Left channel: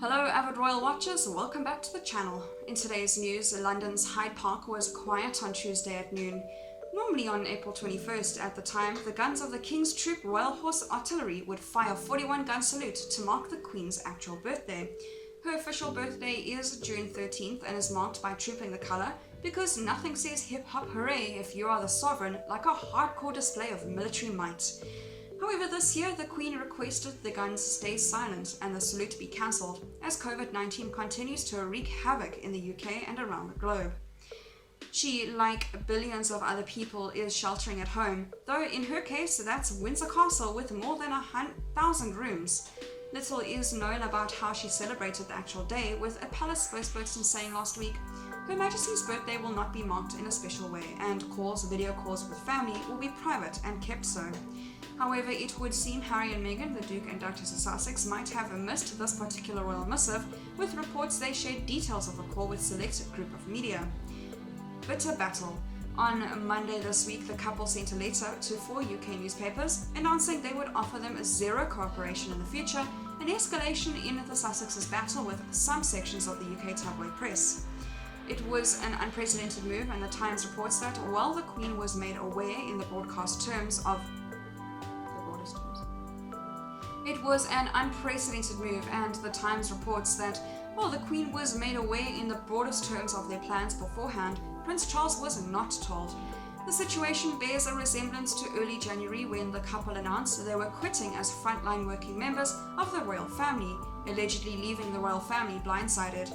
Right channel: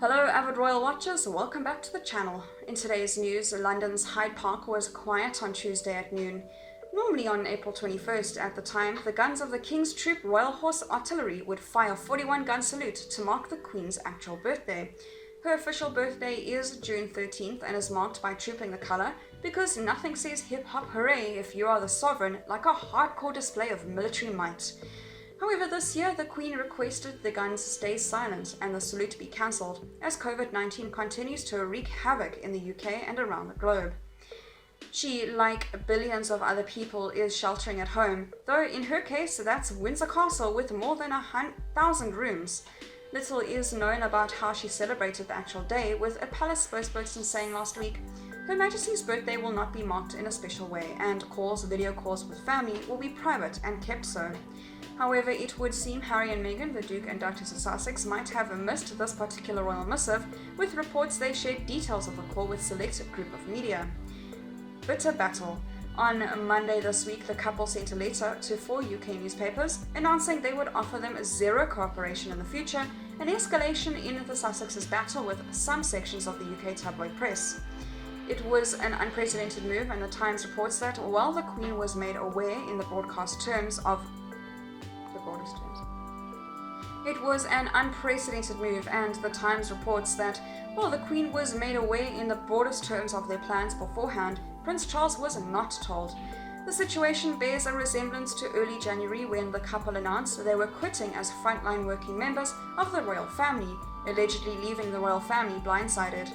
Hello avid royal watchers, welcome back to the channel. In today's news, London's Hyde Park was quiet on Tuesday at noon. Normally on April 21st at the time, the guns of the King's Troop Royal Horse Artillery would fire 41-gun salute to mark the Queen's actual birthday. Her official birthday is June 13th and is marked by trooping the colour because nothing says hip-hop hooray if you are the sovereign like a hardcore display of military might. However, this year the Queen requested the guns stay silent and the salute be cancelled as COVID-19 continues to wreak havoc in the UK and around the globe. She, like billions of other people, is sheltering at home, though in her case that's Windsor Castle with more than 1,000 rooms. Little is known about how she celebrated the actual day, with a palace spokesperson saying last week, Her Majesty's birthday will not be marked in a special way and video calls with family will be private and kept so. However, it would seem Harry and Meghan, the Duke and Duchess of Sussex, might have missed this particular royal missive, with reports they shared details of the call with select group of media. Bitter battle. On Monday this week, the couple sent a letter to 4 UK newspapers announcing they would offer them zero cooperation in the future, an escalation in the Sussex's battle with some sections of the UK tabloid press. It was an unprecedented move, and the Times reports that while the Queen was made aware in the broadest terms, it was an unprecedented move, and the Times reports that while the Queen was made aware in the broadest terms of their plans beforehand, Prince Charles was not told. The situation bears a resemblance to early January when the couple announced they were quitting as frontline working members of the royal family, allegedly leaving the royal family blindsided.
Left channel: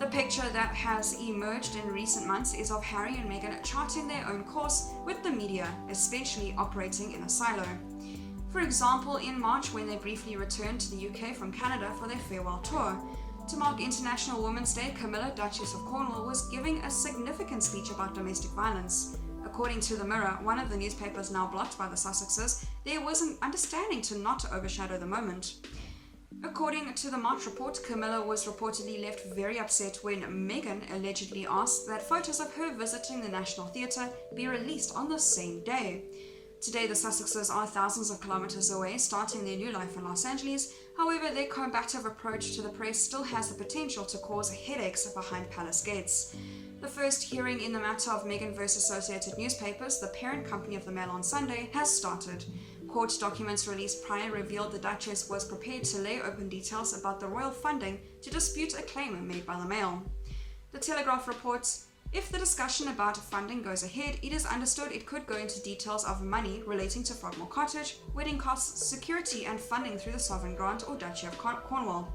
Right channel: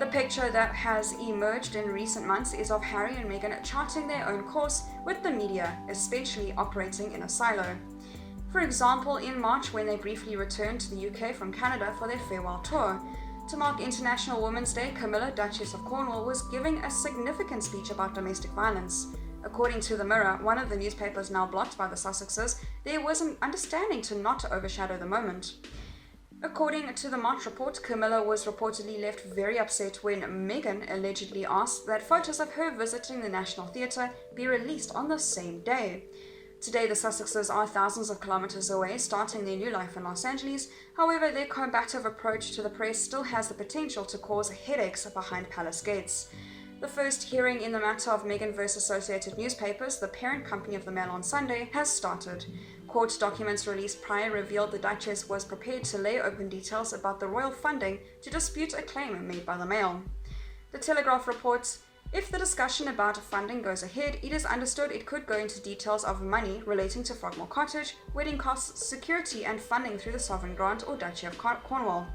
The picture that has emerged in recent months is of Harry and Meghan charting their own course, with the media especially operating in a silo. For example, in March when they briefly returned to the UK from Canada for their farewell tour. To mark International Women's Day, Camilla, Duchess of Cornwall, was giving a significant speech about domestic violence. According to The Mirror, one of the newspapers now blocked by the Sussexes, there was an understanding to not overshadow the moment. According to the March report, Camilla was reportedly left very upset when Meghan allegedly asked that photos of her visiting the National Theatre be released on the same day. Today, the Sussexes are thousands of kilometers away, starting their new life in Los Angeles. However, their combative approach to the press still has the potential to cause headaches behind palace gates. The first hearing in the matter of Meghan vs. Associated Newspapers, the parent company of the Mail on Sunday, has started. Court documents released prior revealed the Duchess was prepared to lay open details about the royal funding to dispute a claim made by the Mail. The Telegraph reports, if the discussion about funding goes ahead, it is understood it could go into details of money relating to Frogmore Cottage, wedding costs, security and funding through the Sovereign Grant or Duchy of Cornwall.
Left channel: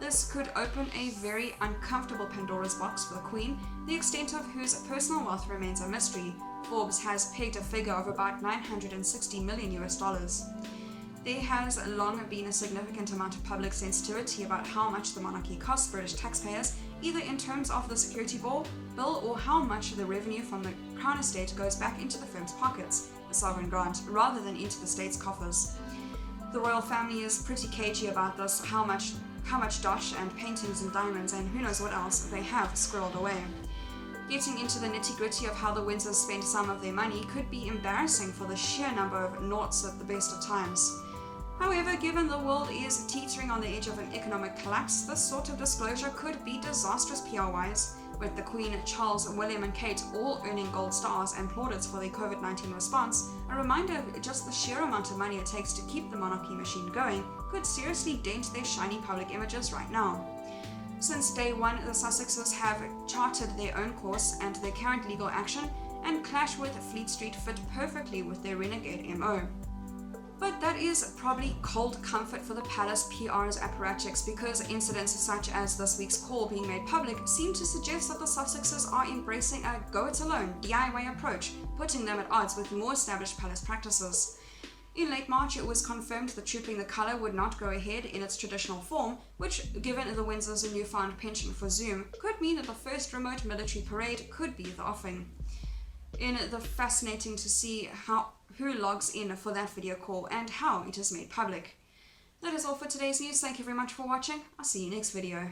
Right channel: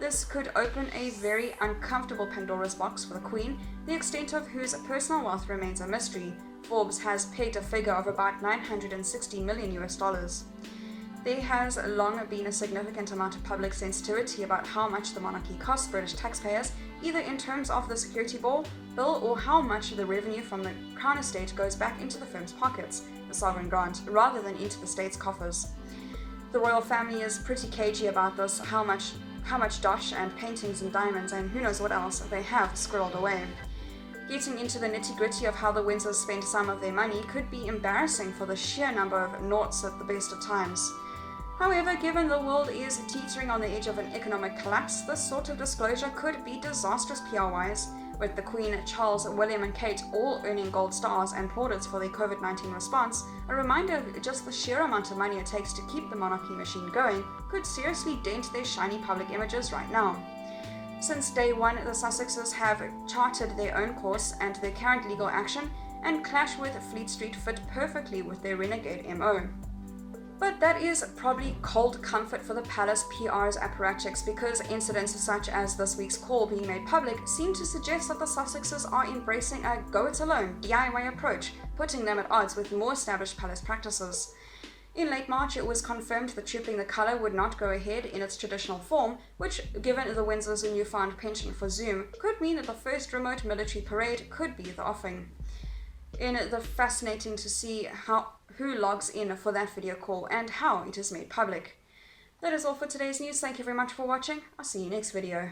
This could open a very uncomfortable Pandora's box for the Queen, the extent of whose personal wealth remains a mystery. Forbes has pegged a figure of about $960 million. There has long been a significant amount of public sensitivity about how much the monarchy costs British taxpayers, either in terms of the security bill or how much the revenue from the Crown Estate goes back into the firm's pockets, the sovereign grant, rather than into the state's coffers. The royal family is pretty cagey about this, how much dosh and paintings and diamonds and who knows what else they have squirreled away. Getting into the nitty-gritty of how the Windsors spend some of their money could be embarrassing for the sheer number of noughts at the best of times. However, given the world is teetering on the edge of an economic collapse, this sort of disclosure could be disastrous PR-wise, with the Queen, Charles, William and Kate all earning gold stars and plaudits for their COVID-19 response. A reminder of just the sheer amount of money it takes to keep the monarchy machine going could seriously dent their shiny public images right now. Since day one, the Sussexes have charted their own course, and their current legal action and clash with Fleet Street fit perfectly with their renegade MO. But that is probably cold comfort for the palace PR's apparatchiks, because incidents such as this week's call being made public seem to suggest that the Sussexes are embracing a go-it-alone DIY approach, putting them at odds with more established palace practices. In late March, it was confirmed that trooping the colour would not go ahead in its traditional form, which, given the Windsors' newfound penchant for Zoom, could mean that the first remote military parade could be the offing. In the fascinating to see who logs in for that video call and how it is made public. That is all for today's news. Thank you very much for watching. I'll see you next video.